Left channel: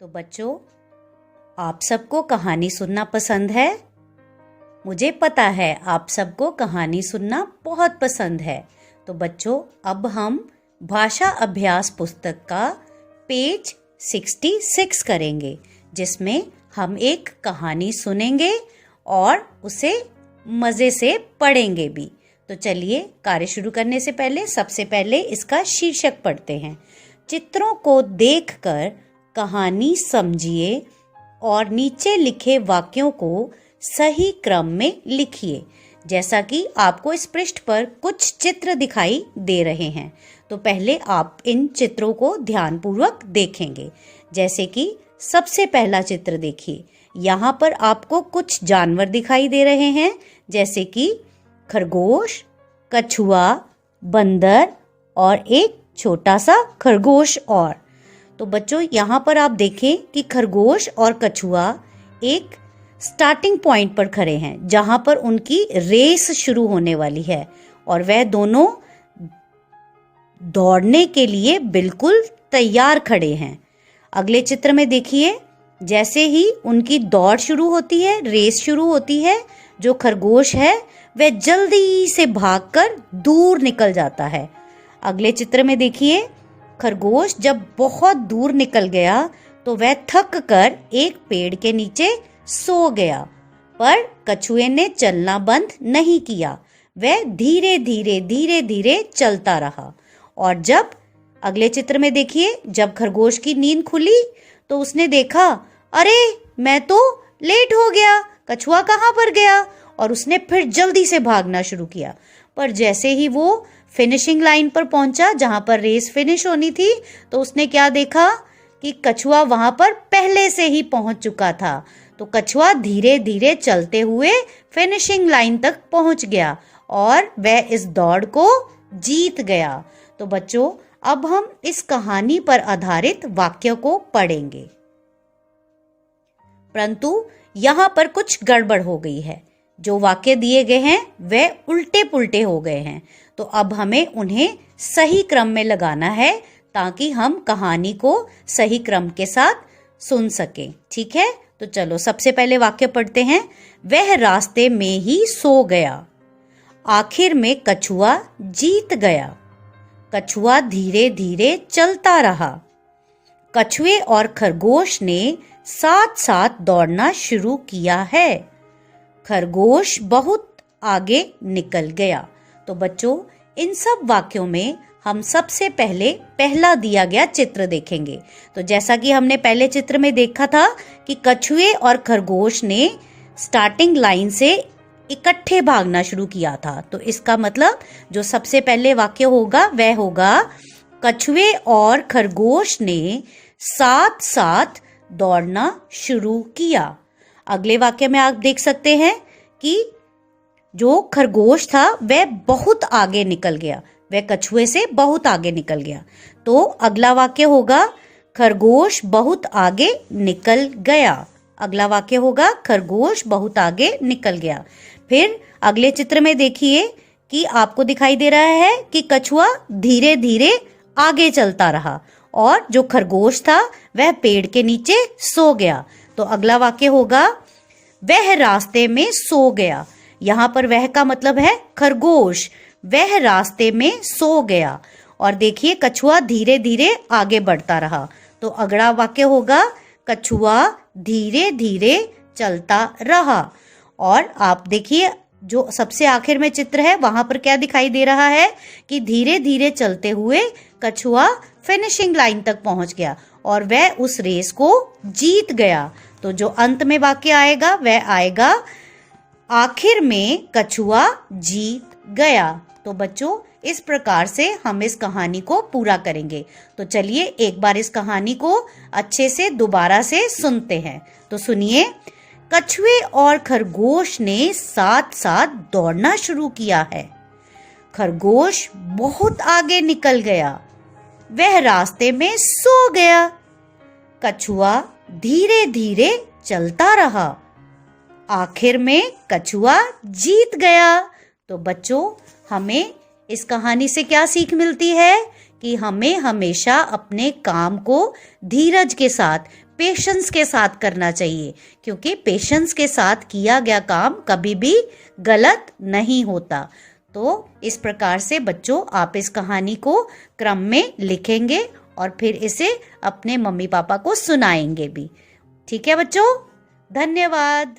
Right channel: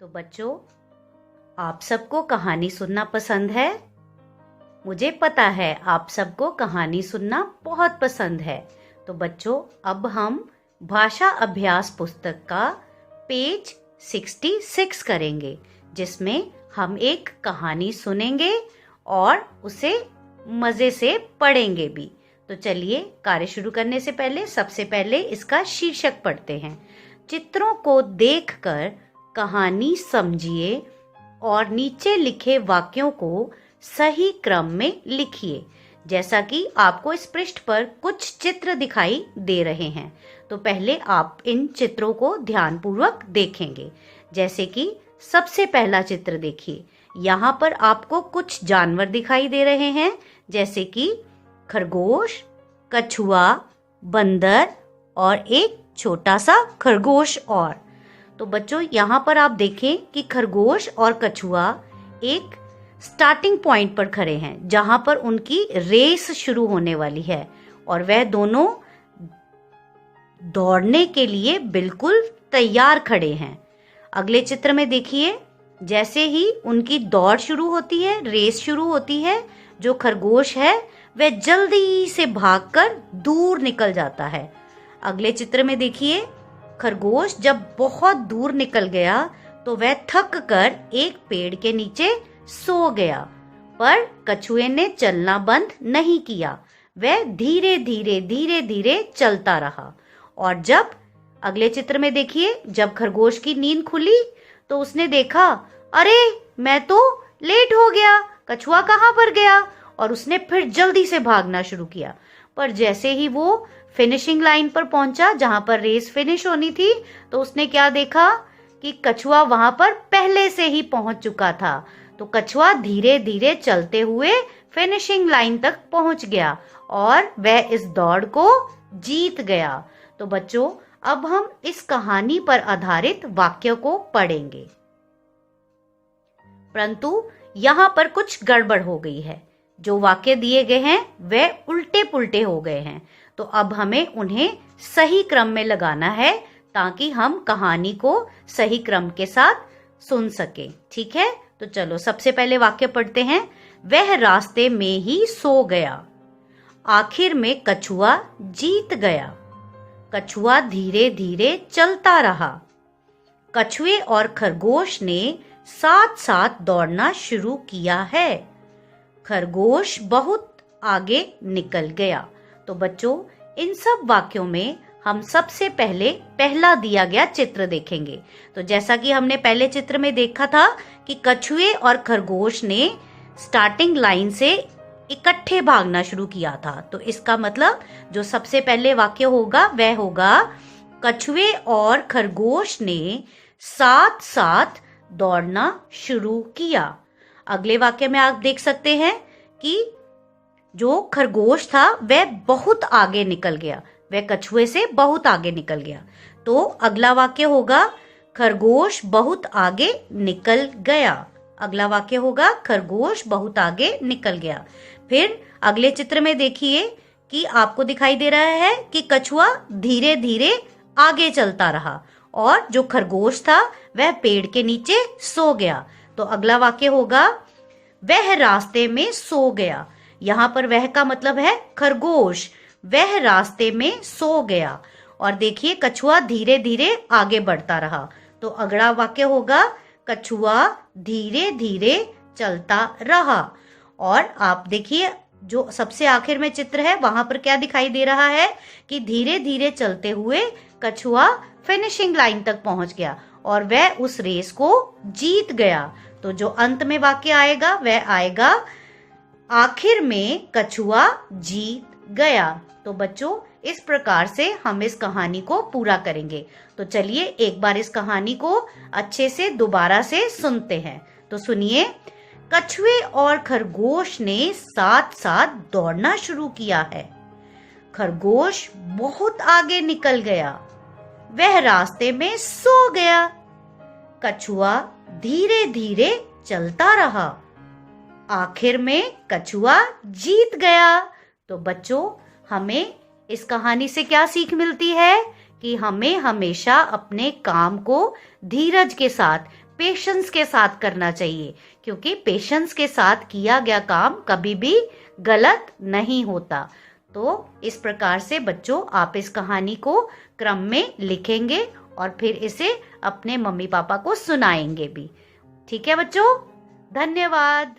तो बच्चों, आप सबको कहानी सुनना पसंद है। मुझे पता है आप सबको कहानी सुनना बहुत पसंद है। तो बच्चों, अब हम भाषा अभ्यास पुस्तक का पेज 66 करेंगे, जिसमें हम एक कहानी सुनेंगे और उसे मज़े से पढ़ेंगे भी। तो चलिए, कार्य शुरू करने से पहले सबसे पहले इसका शीर्षक पढ़ते हैं। चित्रों को देखकर कहानी समझिए और नीचे लिखे वाक्यों को सही क्रम में लिखिए। जैसा कि आपको इस पृष्ठ पर कुछ चित्र दिखाई दे रहे हैं, तो पहले आप इन चित्रों को ध्यानपूर्वक देखेंगे। जैसे कि सबसे पहला चित्र देखिए, यहाँ पर आपको कुछ जानवर दिखाई दे रहे हैं, जैसे कि खरगोश, कछुआ, बंदर और एक छोटा सा खरगोश। और तो बच्चों, यहाँ पर आप देखें कि खरगोश और कछुआ एक स्टार्टिंग पॉइंट पर खड़े हैं, जहाँ पर उनकी रेस शुरू होने वाली है और वह दोनों दौड़ने के लिए बिल्कुल तैयार खड़े हैं। अगले चित्र में देखिए, जैसे ही उनकी दौड़ शुरू होती है, रेस शुरू होती है, जो खरगोश है वह जल्दी से भागकर दूर निकल जाता है। अगले चित्र में देखिए, खरगोश जब बहुत दूर निकल गया तो वह थक कर एक पेड़ के नीचे सो गया, पर कछुए ने चलना बंद नहीं किया। वह धीरे धीरे चलता रहा। और जब अगले चित्र में देखिए, जब खरगोश की नींद खुली तो उसने देखा, अरे मैं तो लेट हो गया, कछुआ कहाँ पर गया? और उसने फिर जल्दी से भागना शुरू किया। पर जैसे ही वो फिनिशिंग लाइन पर पहुंचा, जहां पर रेस फिनिश होनी थी, तो उसने क्या देखा कि कछुआ वहां पर पहले से ही पहुंच चुका था। तो कछुआ धीरे धीरे चलते हुए फिनिशिंग लाइन तक पहुंच गया और वह इस दौड़ को जीत गया। तो बच्चों, अब हम इस कहानी पर आधारित वाक्य को पढ़ेंगे, परंतु यहाँ पर कुछ गड़बड़ हो गई है। जो वाक्य दिए गए हैं वह उल्टे पुल्टे हो गए हैं, तो अब हमें उन्हें सही क्रम में लगाना है ताकि हम कहानी को सही क्रम के साथ सुन सकें। ठीक है, तो चलो सबसे पहले वाक्य पढ़ते हैं। वह रास्ते में ही सो गया, आखिर में कछुआ जीत गया। कछुआ धीरे धीरे चलता रहा। कछुए और खरगोश ने साथ साथ दौड़ना शुरू किया है। खरगोश बहुत आगे निकल गया। तो बच्चों, इन सब वाक्यों में हम सबसे पहले पहला दिया गया चित्र देखेंगे। तो जैसा कि हमने पहले चित्र में देखा था कि कछुए और खरगोश ने स्टार्टिंग लाइन से इकट्ठे भागना शुरू किया था। तो इसका मतलब जो सबसे पहले वाक्य होगा वह होगा, कछुए और खरगोश ने साथ साथ दौड़ना शुरू किया। अगले वाक्य में आप देख सकते हैं कि जो खरगोश था वह बहुत आगे निकल गया, वह कछुए से बहुत आगे निकल गया। तो अगला वाक्य होगा, खरगोश बहुत आगे निकल गया। अगला वाक्य होगा, खरगोश बहुत आगे निकल गया। फिर अगले चित्र में देखिए कि आपको दिखाई दे रहा है कि कछुआ धीरे धीरे आगे चलता रहा और जो खरगोश था वह पेड़ के नीचे सो गया। तो अगला वाक्य होगा, वह रास्ते में सो गया। यहाँ पर वह का मतलब है खरगोश, वह रास्ते में सो गया। और देखिए, कछुआ धीरे धीरे आगे बढ़ता रहा। तो अगला वाक्य होगा, कछुआ धीरे धीरे चलता रहा। और आप देखिए, जो सबसे आखिर में चित्र है वहां पर क्या दिखाई दे रहा है कि धीरे धीरे चलते हुए कछुआ फिनिशिंग लाइन तक पहुंच गया और वह उस रेस को जीत गया। तो जो अंत में वाक्य आएगा वह आएगा, आखिर में कछुआ जीत गया। तो बच्चों, इस प्रकार से हम इस कहानी को पूरा करेंगे। तो चलिए एक बार इस कहानी को अच्छे से दोबारा से सुनते हैं। तो सुनिए, कछुए और खरगोश ने साथ साथ दौड़ना शुरू किया है। खरगोश बहुत आगे निकल गया, वह रास्ते में सो गया। कछुआ धीरे धीरे चलता रहा, आखिर में कछुआ जीत गया। तो बच्चों, हमें इस कहानी से क्या सीख मिलती है कि हमें हमेशा अपने काम को धीरज के साथ पेशेंस के साथ करना चाहिए, क्योंकि पेशेंस के साथ किया गया काम कभी भी गलत नहीं होता। तो इस प्रकार से बच्चों आप इस कहानी को क्रम में लिखेंगे और फिर इसे अपने मम्मी पापा को सुनाएंगे भी। ठीक है बच्चों, धन्यवाद।